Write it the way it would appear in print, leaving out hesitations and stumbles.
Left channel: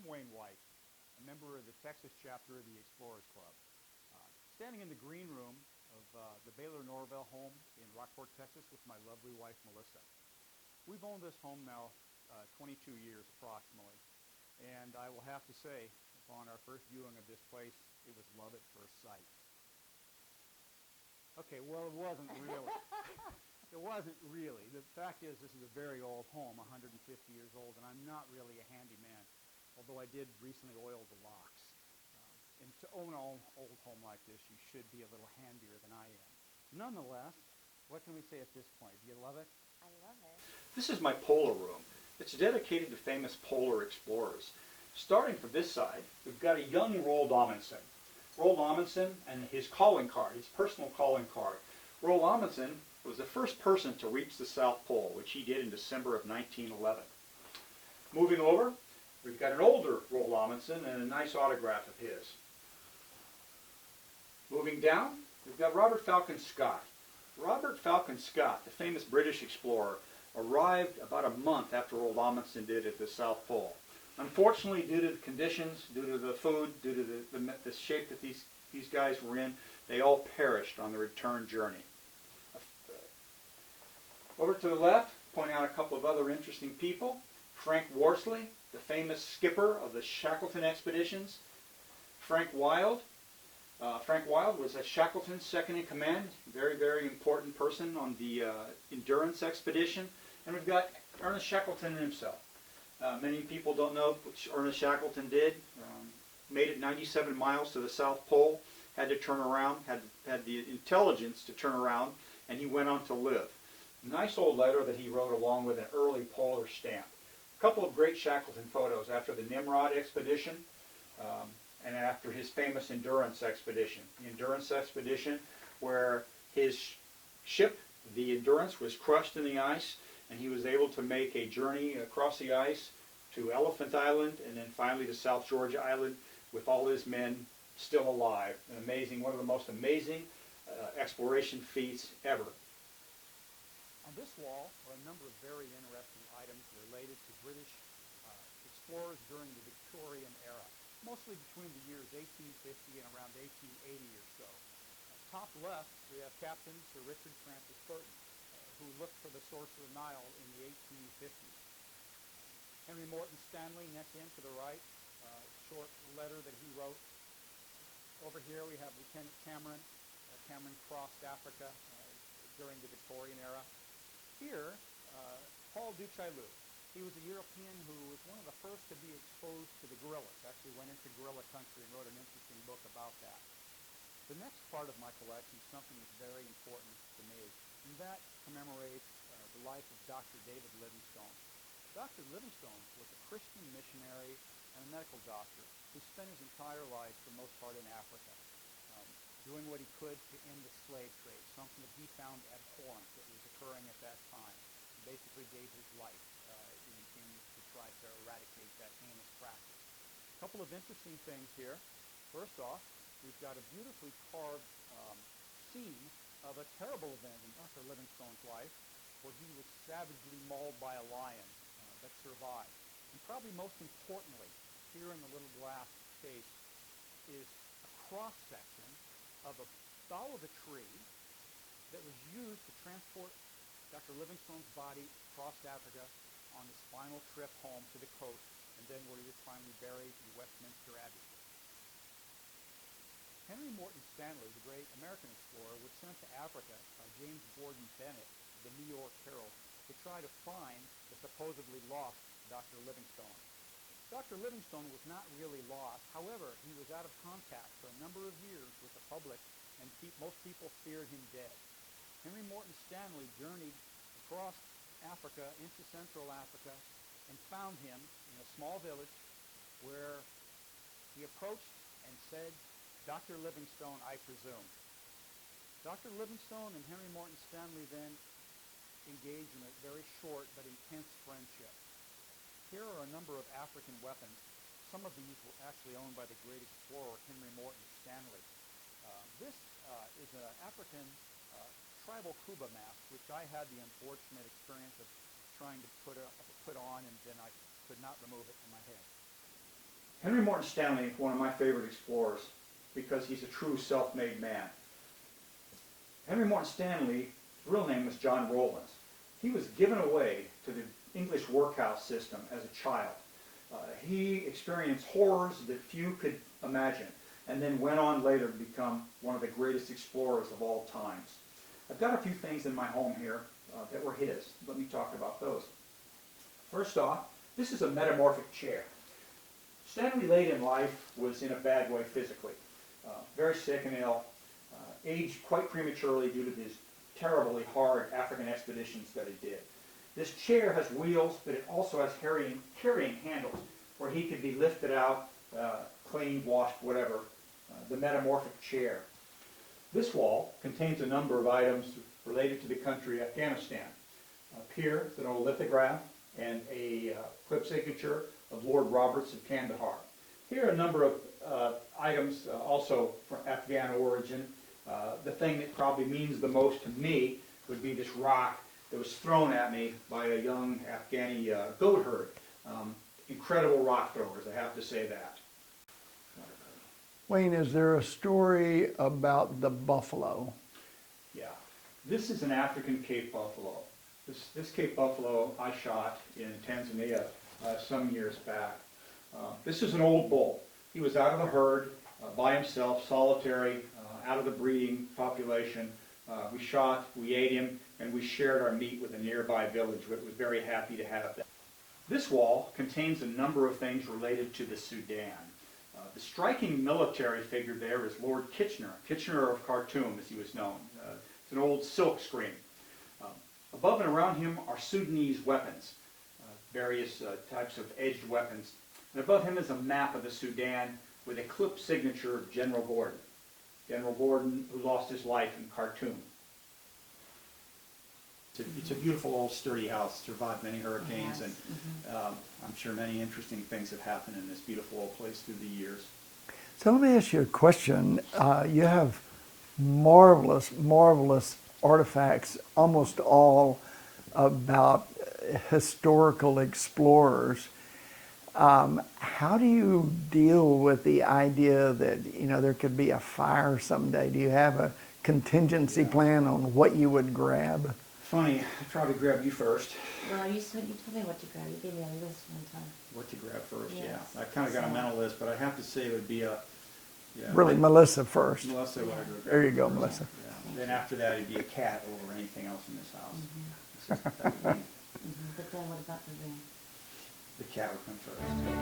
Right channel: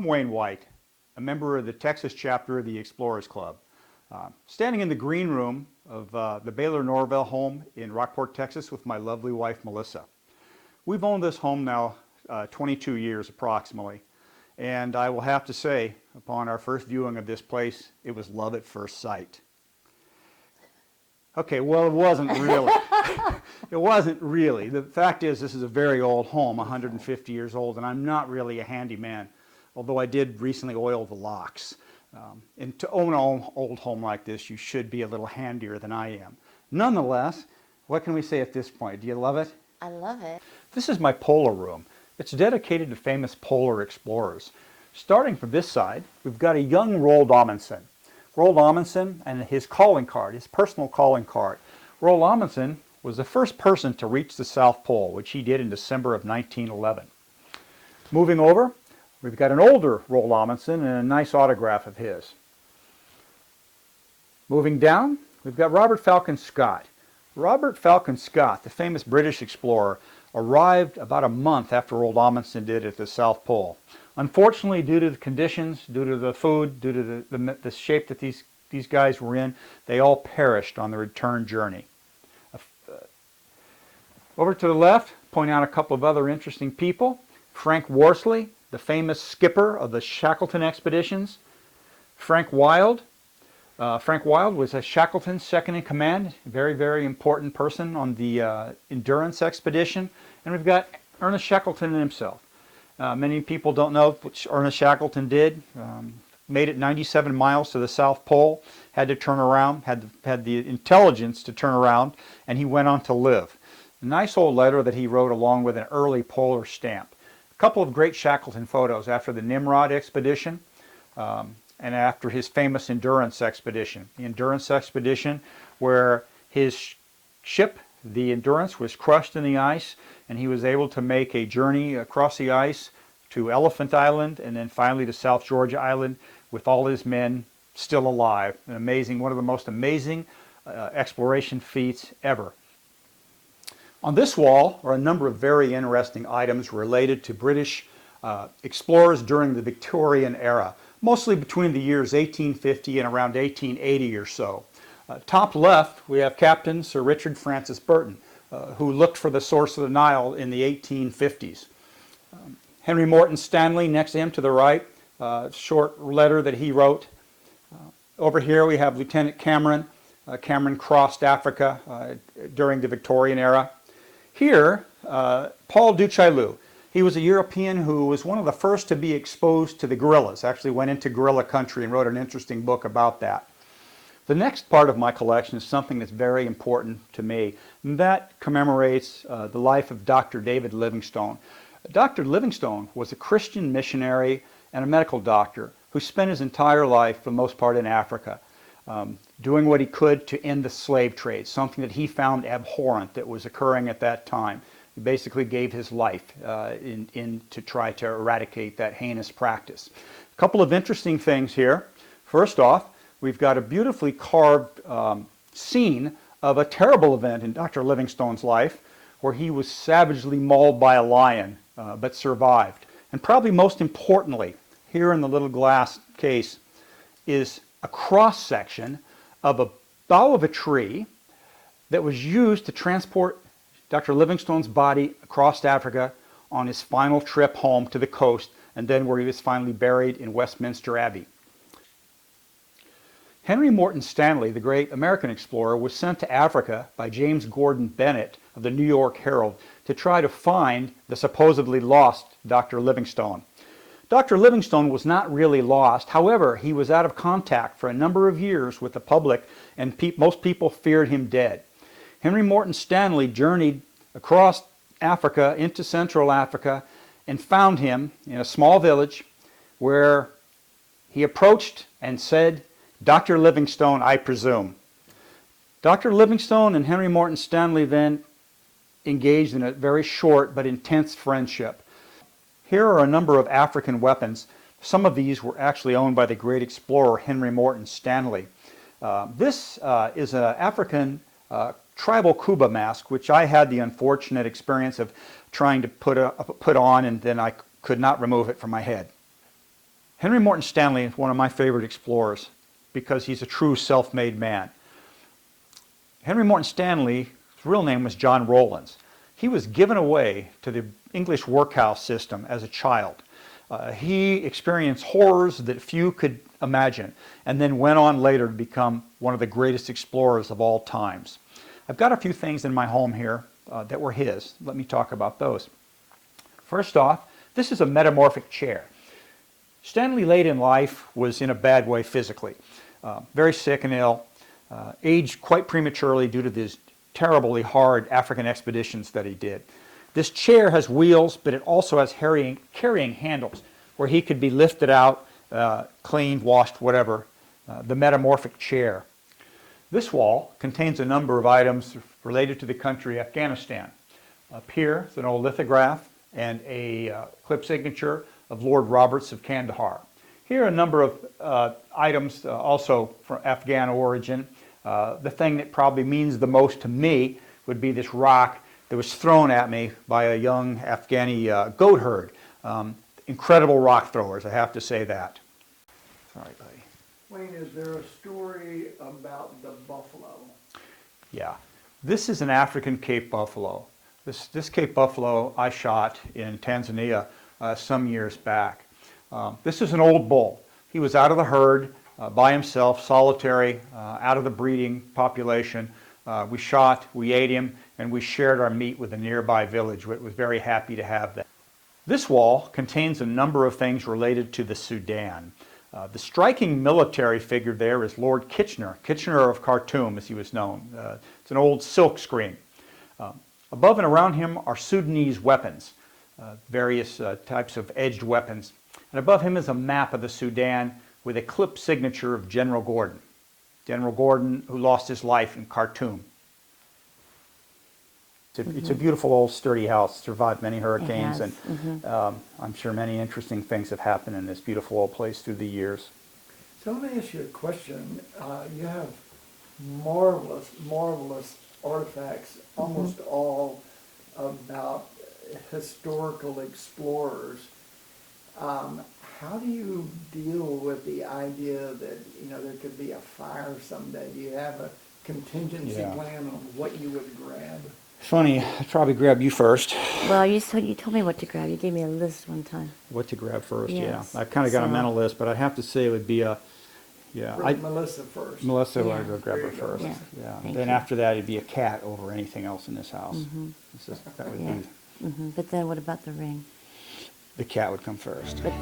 I'm Wayne White, a member of the Texas chapter of the Explorers Club. Standing in the green room of the Baylor Norvell home in Rockport, Texas with my lovely wife, Melissa. We've owned this home now 22 years approximately, and I will have to say, upon our first viewing of this place, it was love at first sight. Okay, well, it wasn't really. It wasn't really. The fact is, this is a very old home, 150 years old, and I'm not really a handyman, although I did recently oil the locks. And to own an old home like this, you should be a little handier than I am. Nonetheless, what can we say at this point? Do you love it? I love it. This is my polar room. It's dedicated to famous polar explorers. Starting from this side, we've got a young Roald Amundsen. Roald Amundsen and his calling card, his personal calling card. Roald Amundsen was the first person to reach the South Pole, which he did in December of 1911. Moving over, we've got an older Roald Amundsen and a nice autograph of his. Moving down, we've got Robert Falcon Scott. Robert Falcon Scott, the famous British explorer, arrived about a month after Roald Amundsen did at the South Pole. Unfortunately, due to the conditions, due to the food, due to the shape that these guys were in, they all perished on the return journey. Over to the left, point out a couple of other interesting people. Frank Worsley, the famous skipper of the Shackleton expeditions. Frank Wild. Frank Wild was a Shackleton's second in command, a very, very important person on the Endurance expedition. And we've got Ernest Shackleton himself. Many people don't know what Ernest Shackleton did. Made it 97 miles to the South Pole, had to turn around, had the intelligence to turn around, and he went on to live. A nice old letter that he wrote along with an early polar stamp. A couple of great Shackleton photos after the Nimrod expedition and after his famous Endurance expedition. The Endurance expedition where his ship, the Endurance, was crushed in the ice, and he was able to make a journey across the ice to Elephant Island and then finally to South Georgia Island with all his men still alive. An amazing, one of the most amazing exploration feats ever. On this wall are a number of very interesting items related to British explorers during the Victorian era, mostly between the years 1850 and around 1880 or so. Top left, we have Captain Sir Richard Francis Burton, who looked for the source of the Nile in the 1850s. Henry Morton Stanley next to him to the right, short letter that he wrote. Over here we have Lieutenant Cameron. Cameron crossed Africa during the Victorian era. Here, Paul du Chaillu. He was a European who was one of the first to be exposed to the gorillas, actually went into gorilla country and wrote an interesting book about that. The next part of my collection is something that's very important to me, and that commemorates the life of Dr. David Livingstone. Dr. Livingstone was a Christian missionary and a medical doctor who spent his entire life, for the most part, in Africa, doing what he could to end the slave trade, something that he found abhorrent that was occurring at that time. He basically gave his life to try to eradicate that heinous practice. A couple of interesting things here. First off, we've got a beautifully carved scene of a terrible event in Dr. Livingstone's life where he was savagely mauled by a lion but survived. And probably most importantly, here in the little glass case is a cross-section of a bough of a tree that was used to transport Dr. Livingstone's body across Africa on his final trip home to the coast, and then where he was finally buried in Westminster Abbey. Henry Morton Stanley, the great American explorer, was sent to Africa by James Gordon Bennett of the New York Herald to try to find the supposedly lost Dr. Livingstone. Dr. Livingstone was not really lost. However, he was out of contact for a number of years with the public, and most people feared him dead. Henry Morton Stanley journeyed across Africa into Central Africa and found him in a small village where he approached and said, "Dr. Livingstone, I presume." Dr. Livingstone and Henry Morton Stanley then engaged in a very short but intense friendship. Here are a number of African weapons. Some of these were actually owned by the great explorer Henry Morton Stanley. This is an African tribal Kuba mask, which I had the unfortunate experience of trying to put on, and then I could not remove it from my head. Henry Morton Stanley is one of my favorite explorers because he's a true self-made man. Henry Morton Stanley's real name was John Rowlands. He was given away to the English workhouse system as a child. He experienced horrors that few could imagine, and then went on later to become one of the greatest explorers of all times. I've got a few things in my home here that were his. Let me talk about those. First off, this is a metamorphic chair. Stanley late in life was in a bad way physically, very sick and ill, aged quite prematurely due to these terribly hard African expeditions that he did. This chair has wheels, but it also has carrying handles where he could be lifted out, cleaned, washed, whatever. The metamorphic chair. This wall contains a number of items related to the country Afghanistan. Up here is an old lithograph and a clip signature of Lord Roberts of Kandahar. Here are a number of items also from Afghan origin. The thing that probably means the most to me would be this rock that was thrown at me by a young Afghani goat herd. Incredible rock throwers, I have to say that. Sorry, buddy. Wayne, is there a story about the buffalo? Yeah, this is an African Cape buffalo. This Cape buffalo I shot in Tanzania some years back. This is an old bull. He was out of the herd by himself, solitary, out of the breeding population. We shot, we ate him, and we shared our meat with a nearby village. It was very happy to have that. This wall contains a number of things related to the Sudan. The striking military figure there is Lord Kitchener, Kitchener of Khartoum as he was known. It's an old silk screen. Above and around him are Sudanese weapons, various types of edged weapons. And above him is a map of the Sudan with a clip signature of General Gordon. General Gordon, who lost his life in Khartoum. It's a beautiful old sturdy house, survived many hurricanes, and I'm sure many interesting things have happened in this beautiful old place through the years. So let me ask you a question. You have marvelous, marvelous artifacts, almost all about historical explorers. How do you deal with the idea that, you know, there could be a fire someday? Do you have a contingency plan on what you would grab? Funny, I'd probably grab you first. Well, you told me what to grab. You gave me a list one time. What to grab first, Yes. yeah. I've kind of got a mental list, but I have to say it would be a, Really, Melissa first. Melissa, Yeah. I'd go grab There her you go, first. Melissa. Yeah. Thank Then you. after that, it'd be a cat over anything else in this house. That would be, But then what about the ring? the cat would come first. But,